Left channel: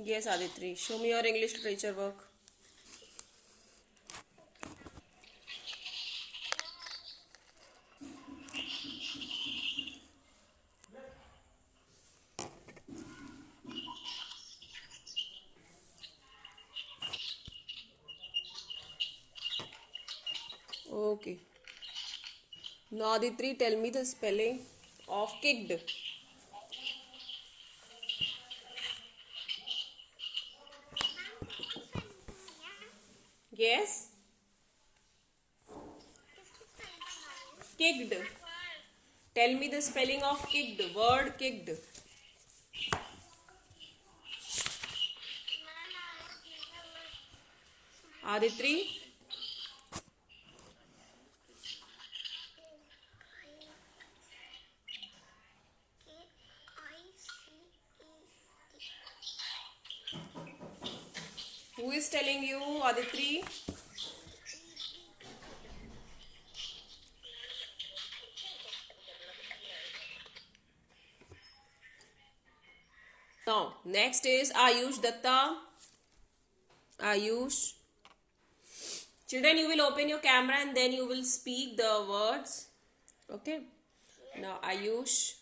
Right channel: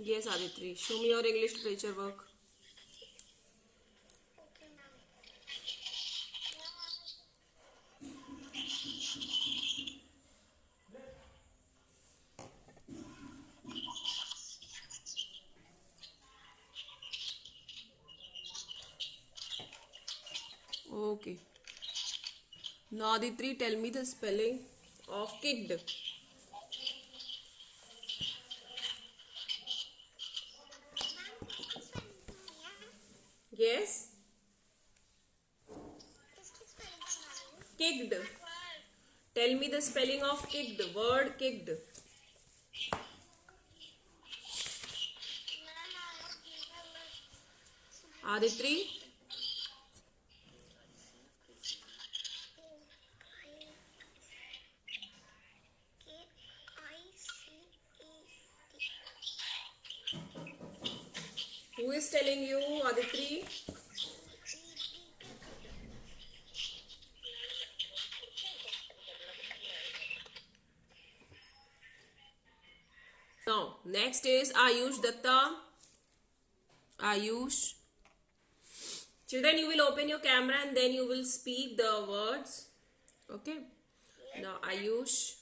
Yes, Aditri. Show me your English literature work. Okay. Now, Aditri, tell me the spelling of kicked. Yes? Kicked. Tell me the spelling of kicked. Word kicked. Aditri? Who is telling you, Aditri? Now, next is Ayush Datta. Ayush. Children, you will open your camera and then you will speak the words. Okay. Now, Ayush.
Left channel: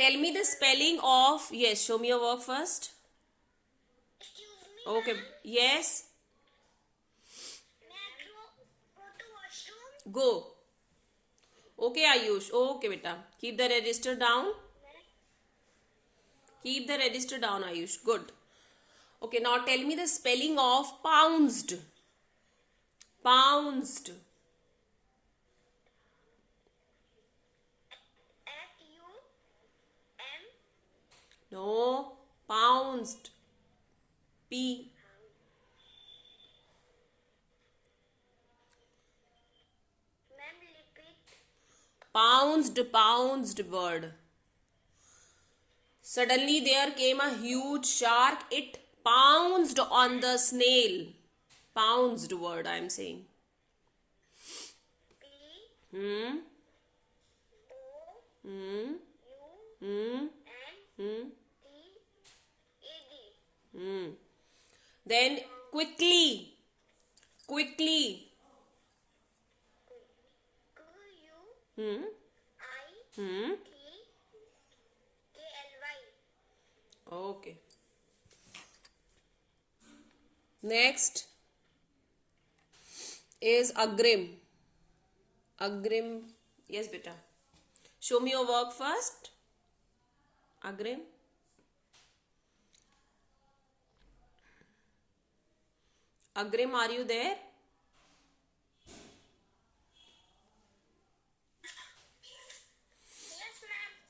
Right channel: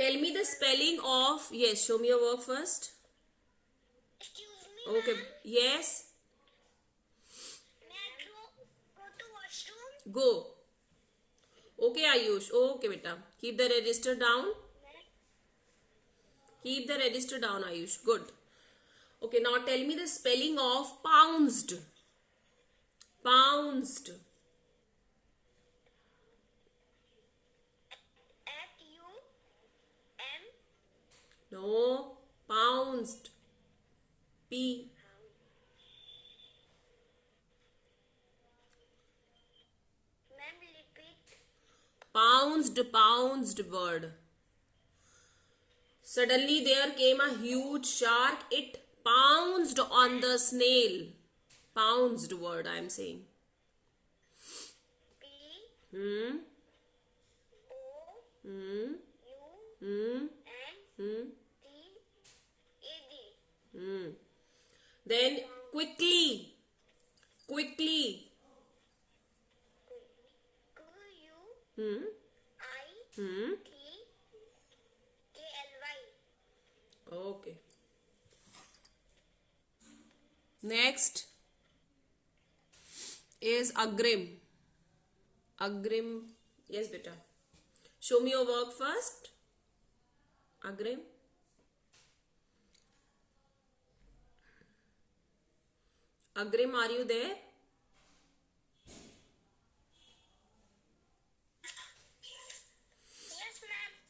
Tell me the spelling of. Yes, show me your work first. Okay. Yes. Go. Okay, Ayush. Okay, beta. Keep the register down. Keep the register down, Ayush. Good. Okay, now tell me the spelling of pounced. Pounced. No. Pounced. P. Pounced word. Suddenly there came a huge shark. It pounced on the snail. Pounced word I am saying. Hmm. Hmm. Hmm. Hmm. Hmm. Then quickly. Quickly. Hmm. Hmm. Okay. Next is Agrim. Agrim. Yes, beta. Show me your work first. Agrim. Agrim, are you there?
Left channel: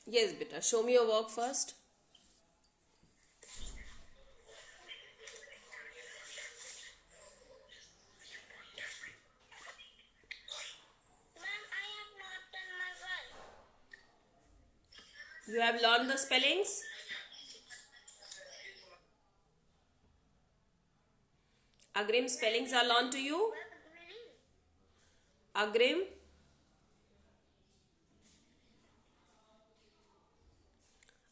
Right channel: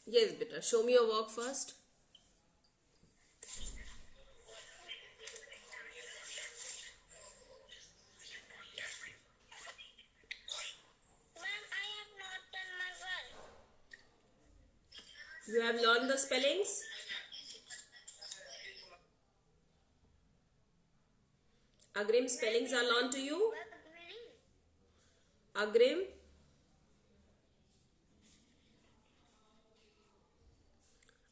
Yes, beta. Show me your work first. You have learned the spellings? Agrim, spellings are learned to you? Agrim?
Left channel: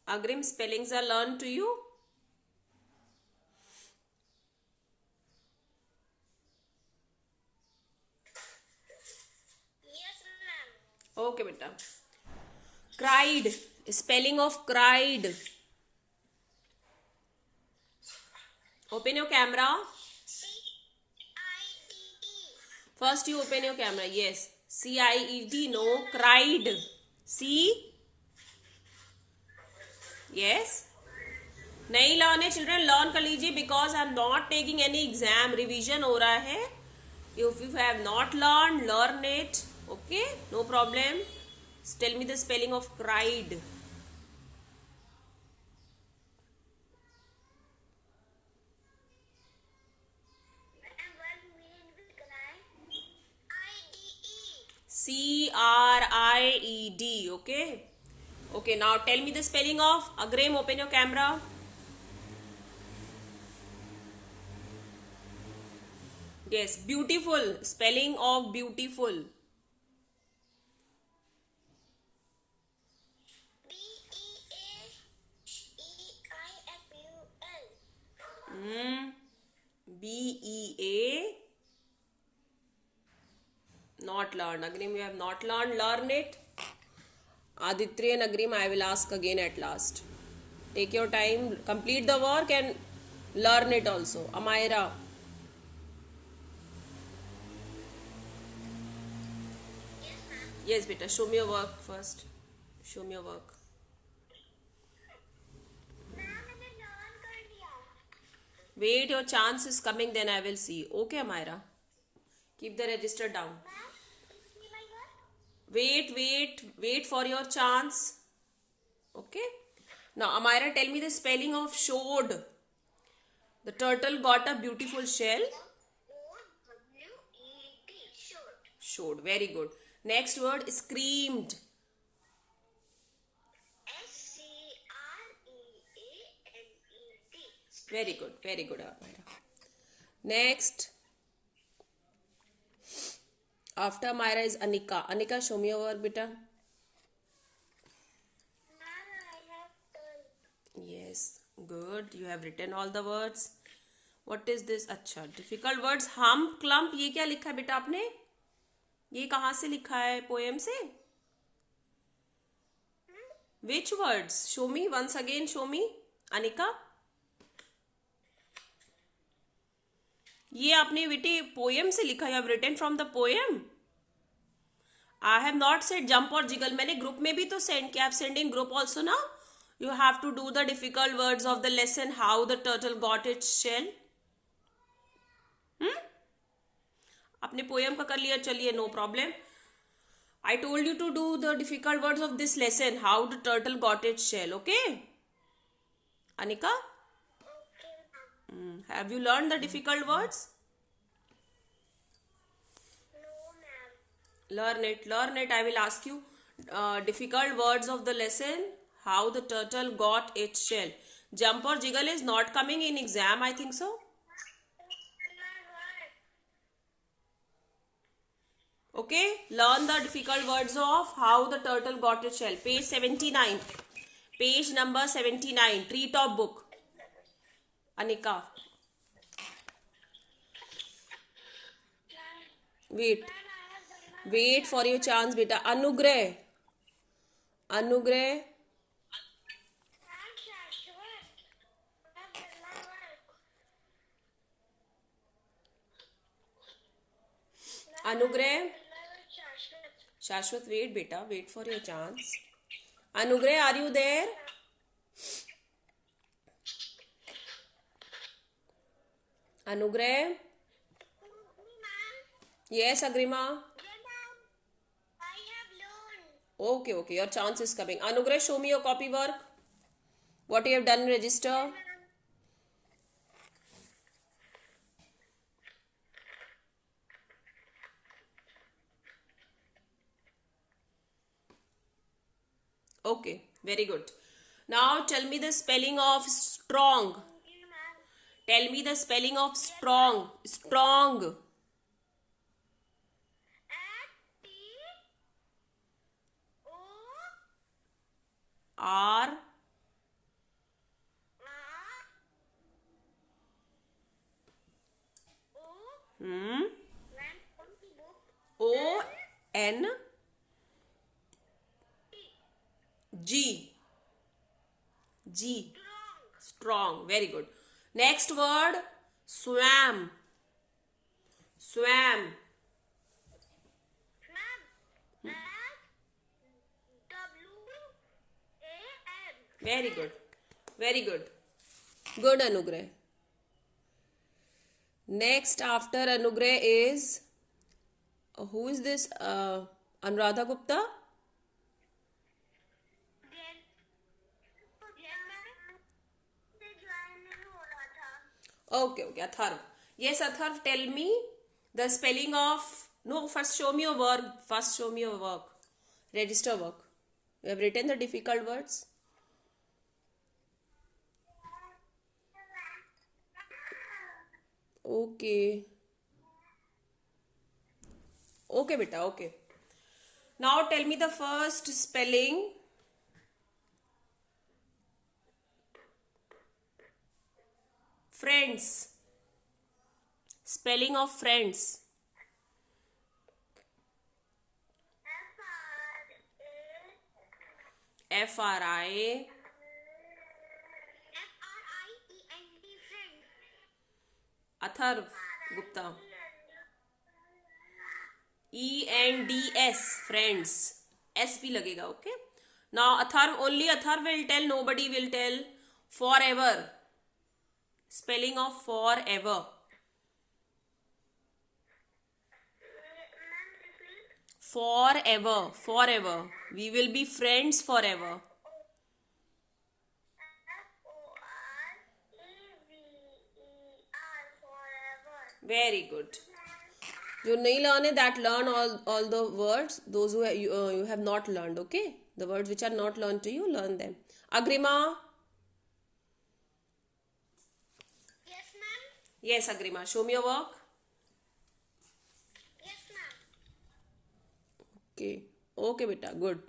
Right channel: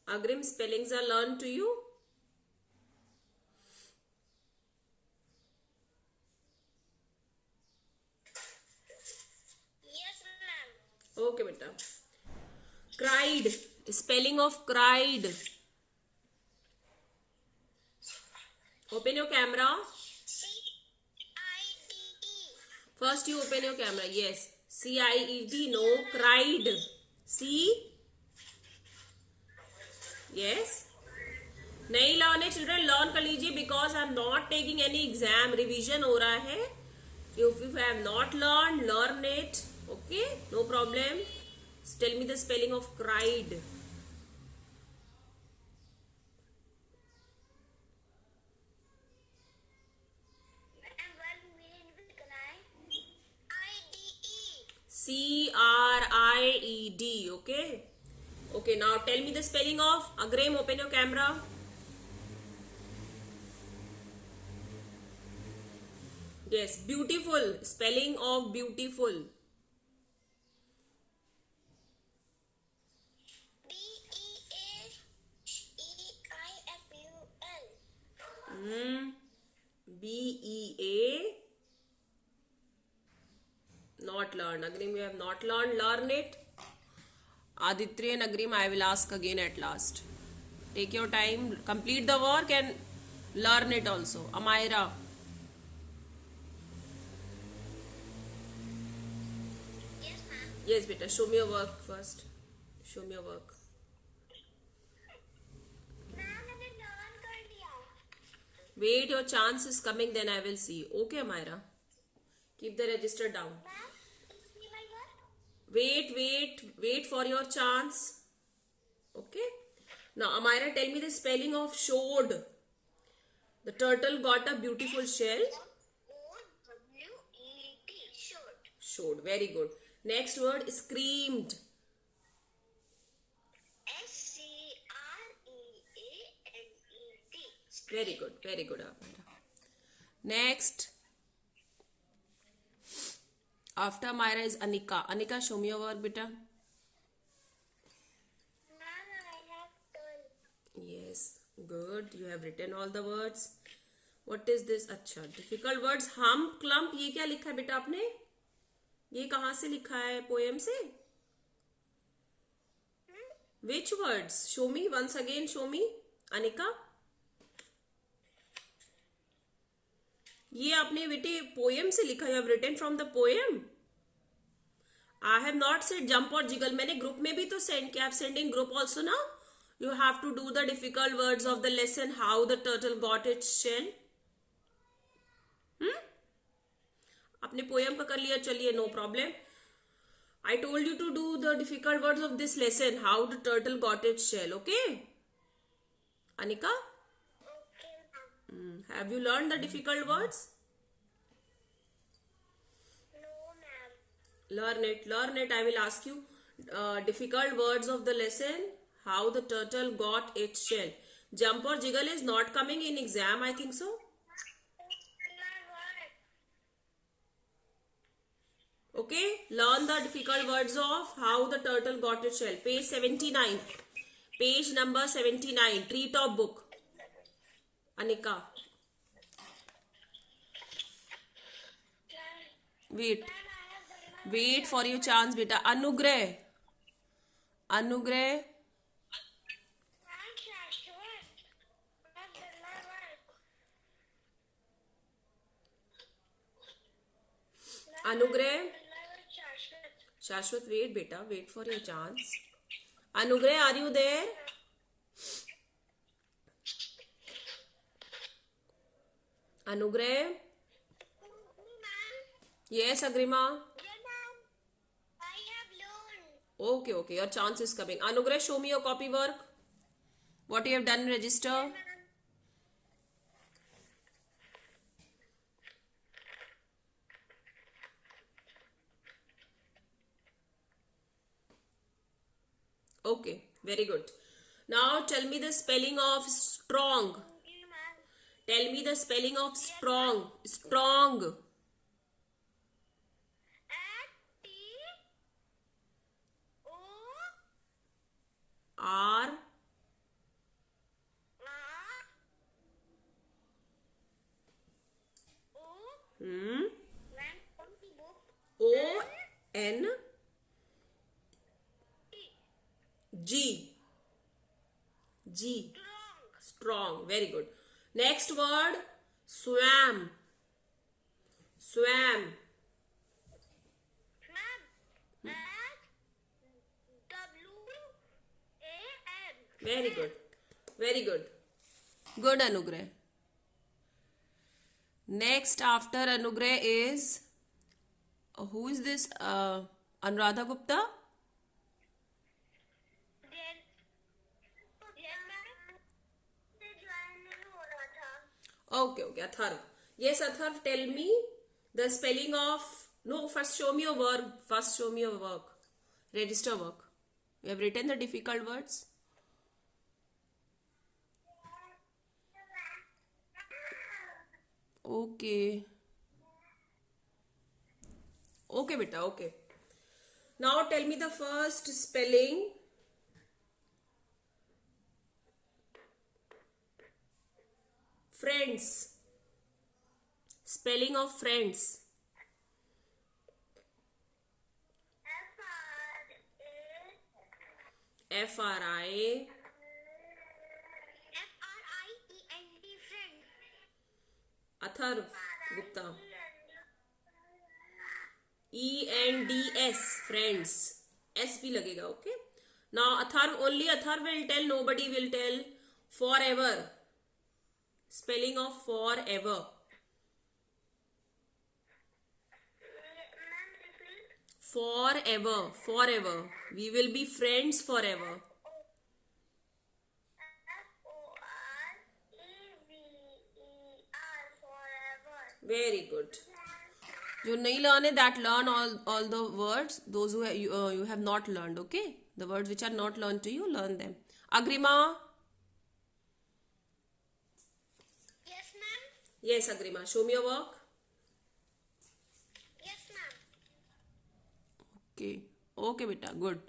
Agrim, spellings are learned to you? Okay, beta. Cried. Spelling of cried. Open your camera. First you open your camera. Yes. C-I-E-D. No. Cried. C. Yes. नहीं learn है children, learn कर लीजिए because I am not taking any exam. Revision हो रहा है. If you have not learn it. Okay, no problem. Tell me the spelling of cried. C-R-I-E-D. Okay. Okay, now tell me the spelling of Agrim. Open your camera. Yes, beautiful. Spelling of beautiful. BEA. Not learned. Agrim, you have not learned. Learn it. Aditya and Agrim, I will ask again at last. Take your time, complete the work and learn it also. Amaira. Yes, ma'am. Yes, beta. Show me your work first. Show me your work. Ma'am मैंने learn कर लिया. Wait, your chance is coming, then I will see. Okay, Amaira. Keep the register down. Ma'am see my work. Wait for your chance. Okay. Now, Amaira, tell me the spelling of showed. The turtle got a beautiful shell. SOWET. Short. Showed. Very good. Next word, screamed. SCREAMED. Very good. Very good, Amaira. Next. After Amaira is Anika. Anika, show me your work, beta. Ma'am, I have done. Yes. Good. You have written all the words. What is this? अच्छा, difficult words. Hump, clump. ये क्या लिखा है बेटा आपने? ये कहाँ से लिखा है? पोएम से? Which words? Show me once again. Show me, Anika. ये आपने बेटे पोएम से लिखा है. You have written from the poem. I have not said jump or jiggle. मैंने ग्रुप में भी तो सेंड किया. I have sent in group also now. You have to do the difficult words of the lesson. How the turtle got its shell. आपने poem का कर लिया. चलिए, no problem. I told you to do the difficult words of this lesson. How the turtle got its shell. Okay, Anika. Okay, ma'am. Have you learned the difficult words? No, ma'am. Learn it. Learn it. I will ask you difficult words of the lesson. How the turtle got its shell. Jump or jiggle is not coming in exam. I think so. Okay. Learn the difficult words of how the turtle got its shell. Page 79. Page number 79. Treetop book. Anika. Wait. Wait for your chance, beta. Anugrah. Anugrah. Ma'am, Shashwat. I've done my work. Anugrah. Shashwat. Shashwat, wait, beta. Wait for your chance. Anugrah, are you there? Anugrah. Ma'am. Yes, Agrima. Yeah, ma'am. I have learned. Okay, okay. Your chance is coming. Anugrah, show me your copy work. What you have done in register. Ma'am. Okay, very good. Now tell me the spelling of strong. Thank you, ma'am. Tell me the spelling of strong. Strong. R. Hmm. O. N. G. G. Strong. Very good. Next word. Swam. Swam. Very good. Very good. Good, Anugrah. Next after Anugrah is who is this? Anuradha Gupta. Okay, okay. Atharv. Yes, Atharv, tell me the spelling of. No, first show me your work. First show me your work. Register work. You have written the difficult words. Okay. Okay, beta. Okay. Now tell me the first spelling. Friends. Spelling of friends. F-R-I. F-R-I-E-N-D, friend. Atharv Gupta. E-N-D-S, friends. S भी लगेगा, okay? Now Atharv, only Atharv will tell, nobody will tell. Forever. Spelling of forever. Forever, forever. We will be friends forever. F-O-R-E-V-E-R, forever. Very good. You nahi learn that, learn all the words. Those who you have not learned, okay? The words which are not learned to you, learn them. Agrima. Yes, ma'am. Yes, Agrima. Show me your work. Yes, ma'am. Okay. Okay, beta. Good.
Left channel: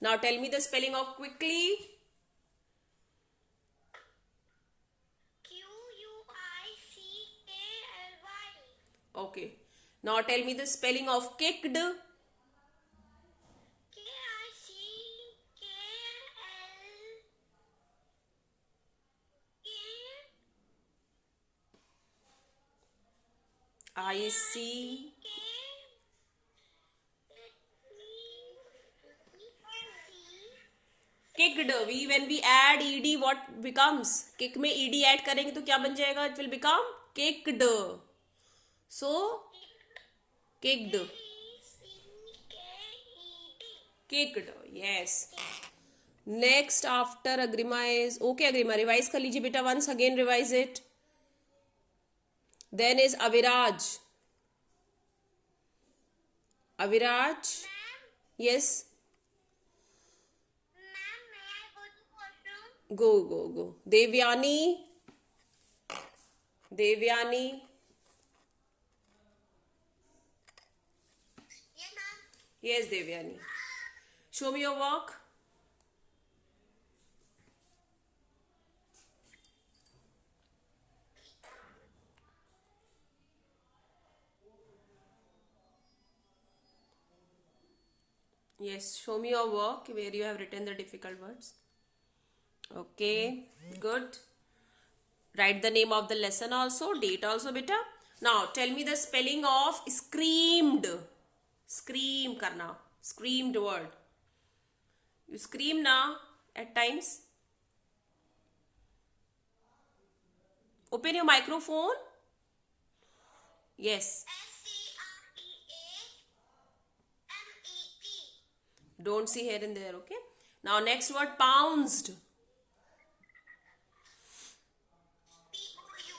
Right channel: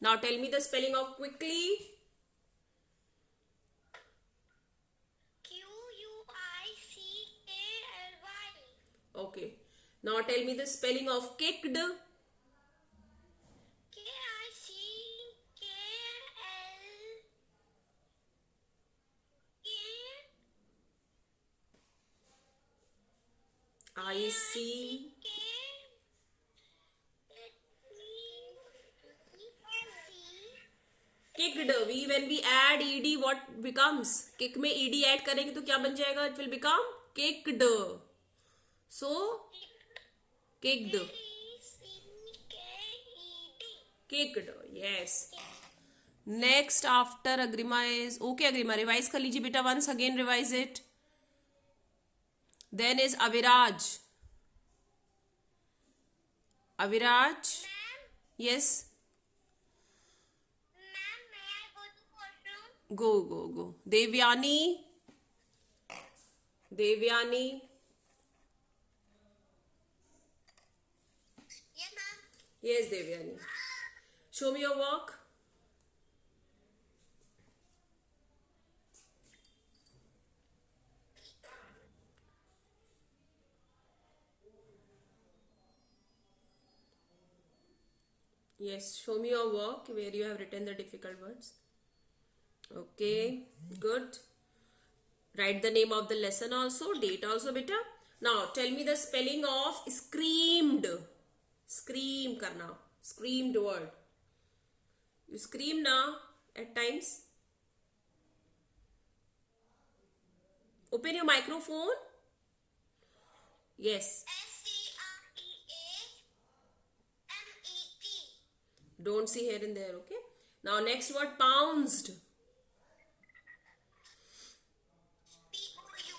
Now tell me the spelling of quickly. Q-U-I-C-K-L-Y. Okay. Now tell me the spelling of kicked. I-C. Kicked. When we add ed, what becomes? Kick में ed add करेंगे तो क्या बन जाएगा? It will become kicked. So kicked. Kicked. Yes. Next after Agrima is, okay Agrima, revise कर लीजिए बेटा, once again revise it. Then is Aviraj. Aviraj. Yes. Ma'am, may I go to washroom? Go. Devyani. Yes, ma'am. Yes, Devyani. Show me your work. Yes, show me your work where you have written the difficult words. Okay, good. Write the name of the lesson also, date also, beta. Now, tell me the spelling of screamed. Scream karna. Screamed word. You scream na at times. Open your microphone. Yes. S-C-R-E-A-M-E-T. Don't see here and there, okay? Now, next word, pounced. P-O-U.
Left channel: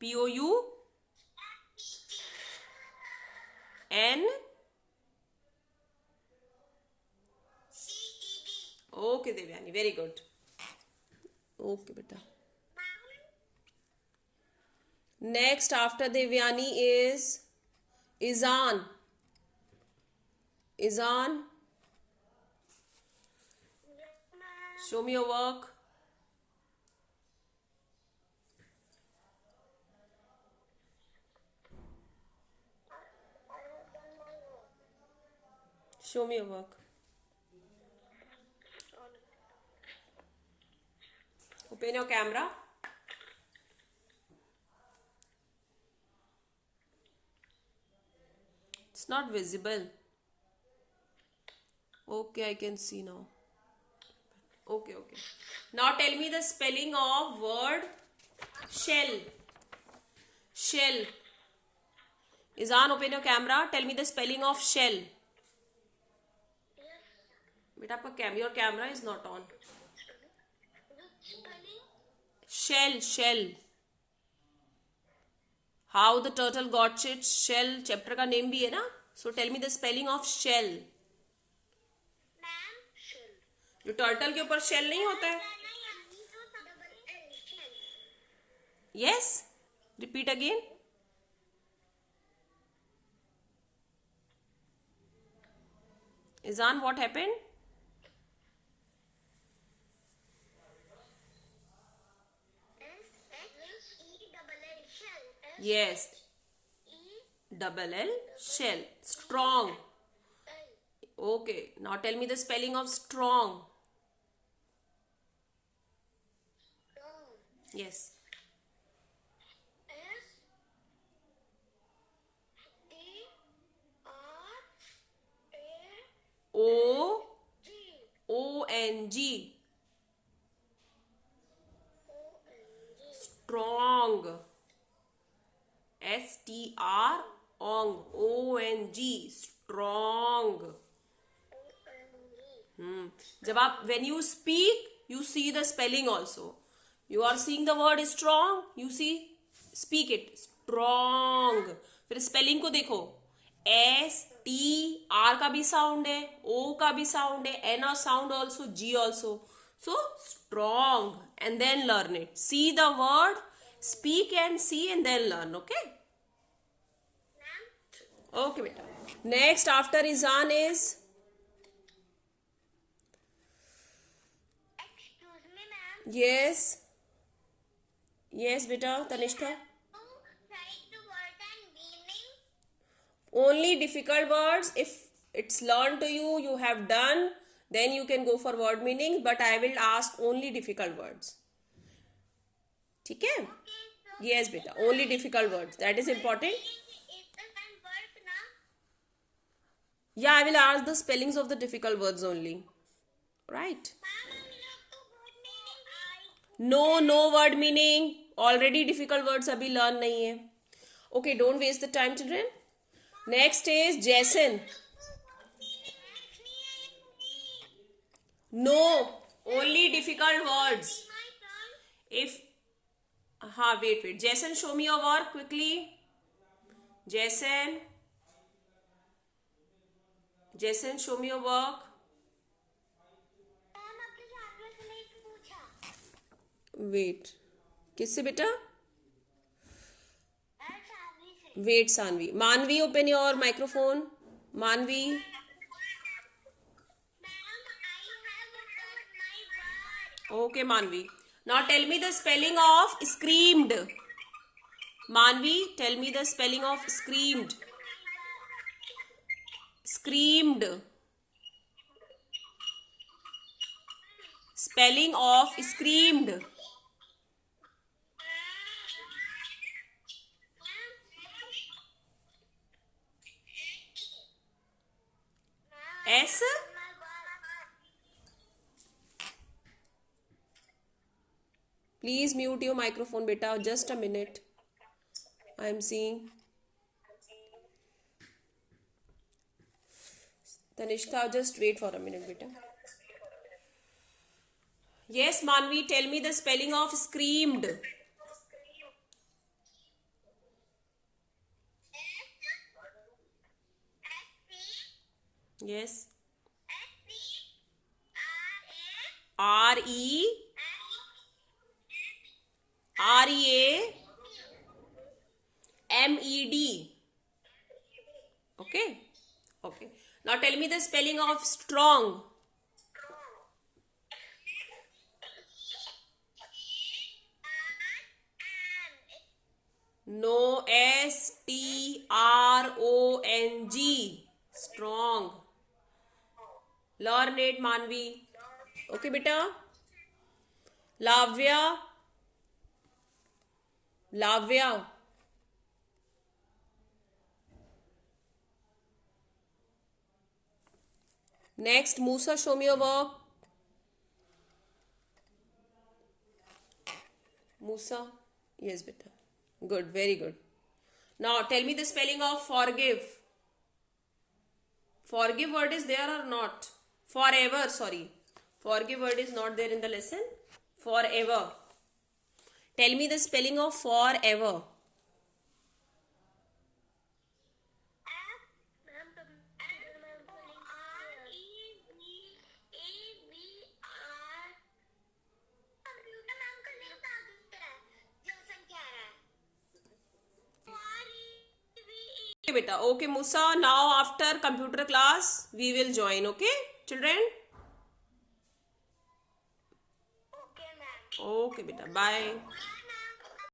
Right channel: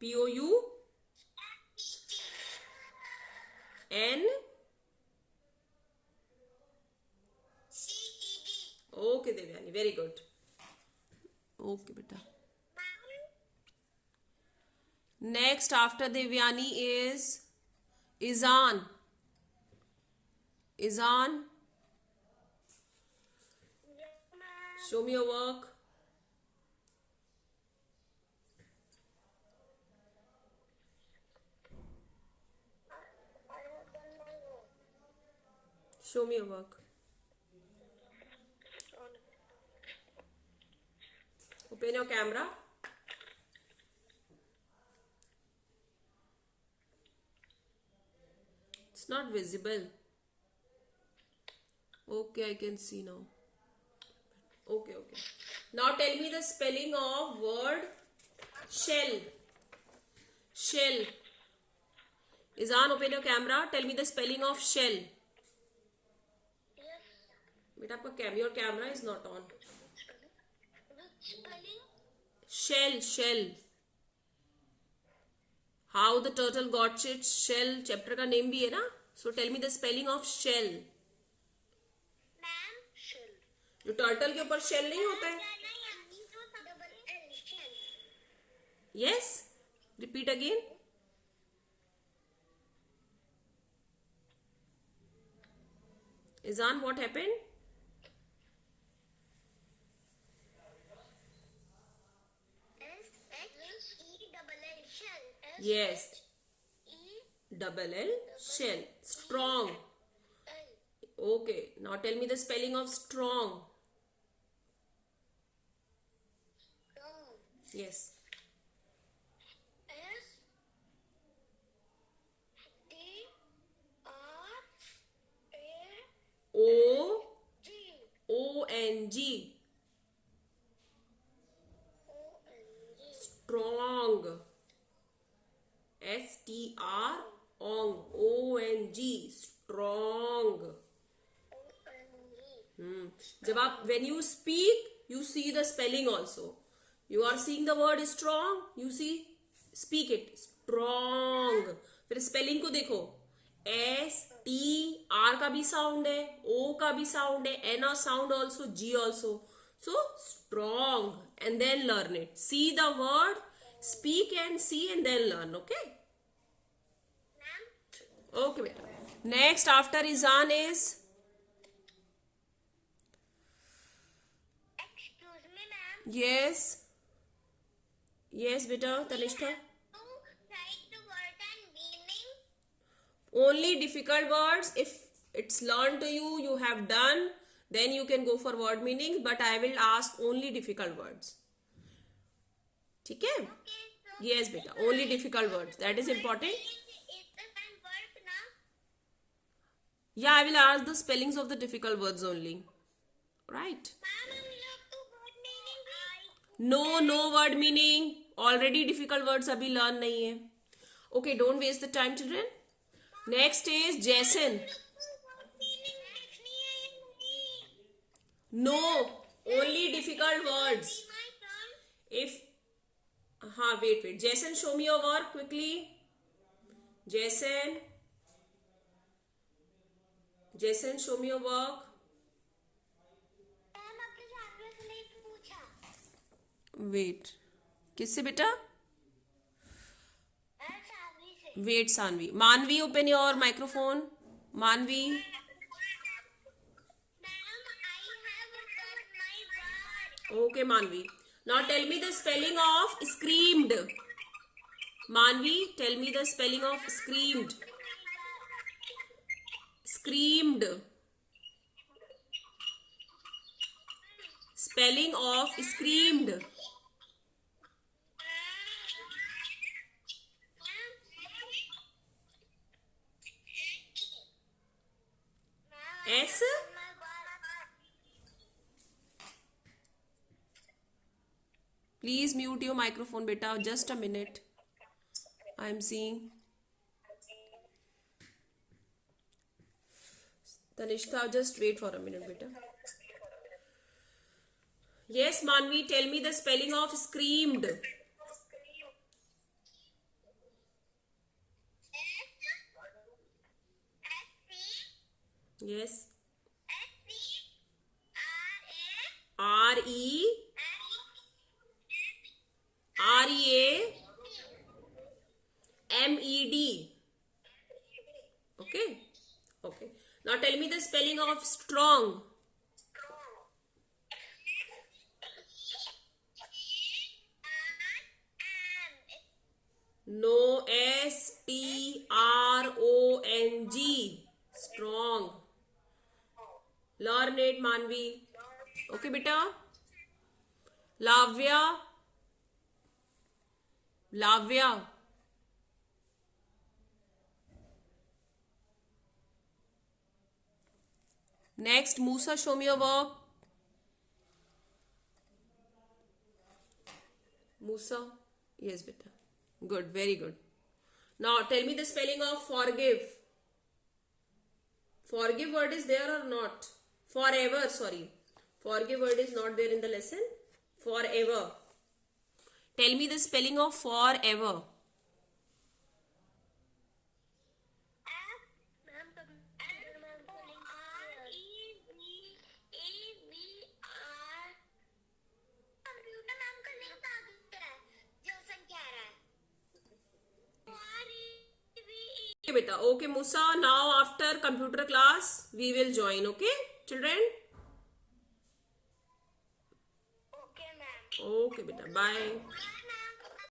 P-O-U. N. C-E-D. Okay, Devyani, very good. Okay, beta. Next after Devyani is Izan. Izan, show me your work. Show me your work. Open your camera. It's not visible. Okay, I can see now. Okay. Now tell me the spelling of word shell. Shell. Izan, open your camera. Tell me the spelling of shell. Yes. Beta, your camera is not on. Which spelling? Shell. How the turtle got its shell. Chapter का name भी है ना? So tell me the spelling of shell. Ma'am, shell. जो turtle के ऊपर shell नहीं होता है? Yes. Repeat again. Izan, what happened? S-H Yes. Double L. Shell. Strong. Okay. Now tell me the spelling of strong. Strong. Yes. O O N G. Strong. STR ong. ONG. Strong. जब आप when you speak you see the spelling also. You are seeing the word strong, you see speak it strong. फिर spelling को देखो, S T R का भी sound है, O का भी sound है, N sound also, G also. So strong and then learn it. See the word, speak and see and then learn. Okay. Okay beta. Next after Izan is yes. Yes, beta. Tanishka. Only difficult words. If it's learned to you, you have done, then you can go for word meaning. But I will ask only difficult words. ठीक है? Yes, beta. Only difficult words. That is important. Yeah, I will ask the spellings of the difficult words only. Right? No, no word meaning. Already difficult words अभी learn नहीं है. Okay, don't waste the time, children. Next is Jason. No, only difficult words. If wait. Jason, show me your work quickly. Jason, show me your work. Wait. किससे बेटा? Wait, Sanvi. Manvi, open your microphone. Manvi. Okay, Manvi. Now tell me the spelling of screamed. Manvi, tell me the spelling of screamed. Screamed. Spelling of screamed. S. Please mute your microphone, beta. Just a minute. I am seeing. Tanishka, just wait for a minute, beta. Yes, Manvi, tell me the spelling of screamed. Yes. REAMED. Okay. Okay. Now tell me the spelling of strong. No, STRONG. Strong. Learn it, Manvi. Okay, beta. Lavya. Next, Musa, show me your work. Musa. Yes, beta. Good, very good. Now, tell me the spelling of forgive. Forgive word is there or not? Forever, sorry. Forgive word is not there in the lesson. Forever. Tell me the spelling of forever. Okay, beta. Okay, Musa. Now after computer class, we will join. Okay, children? Okay, ma'am. Okay, beta. Bye.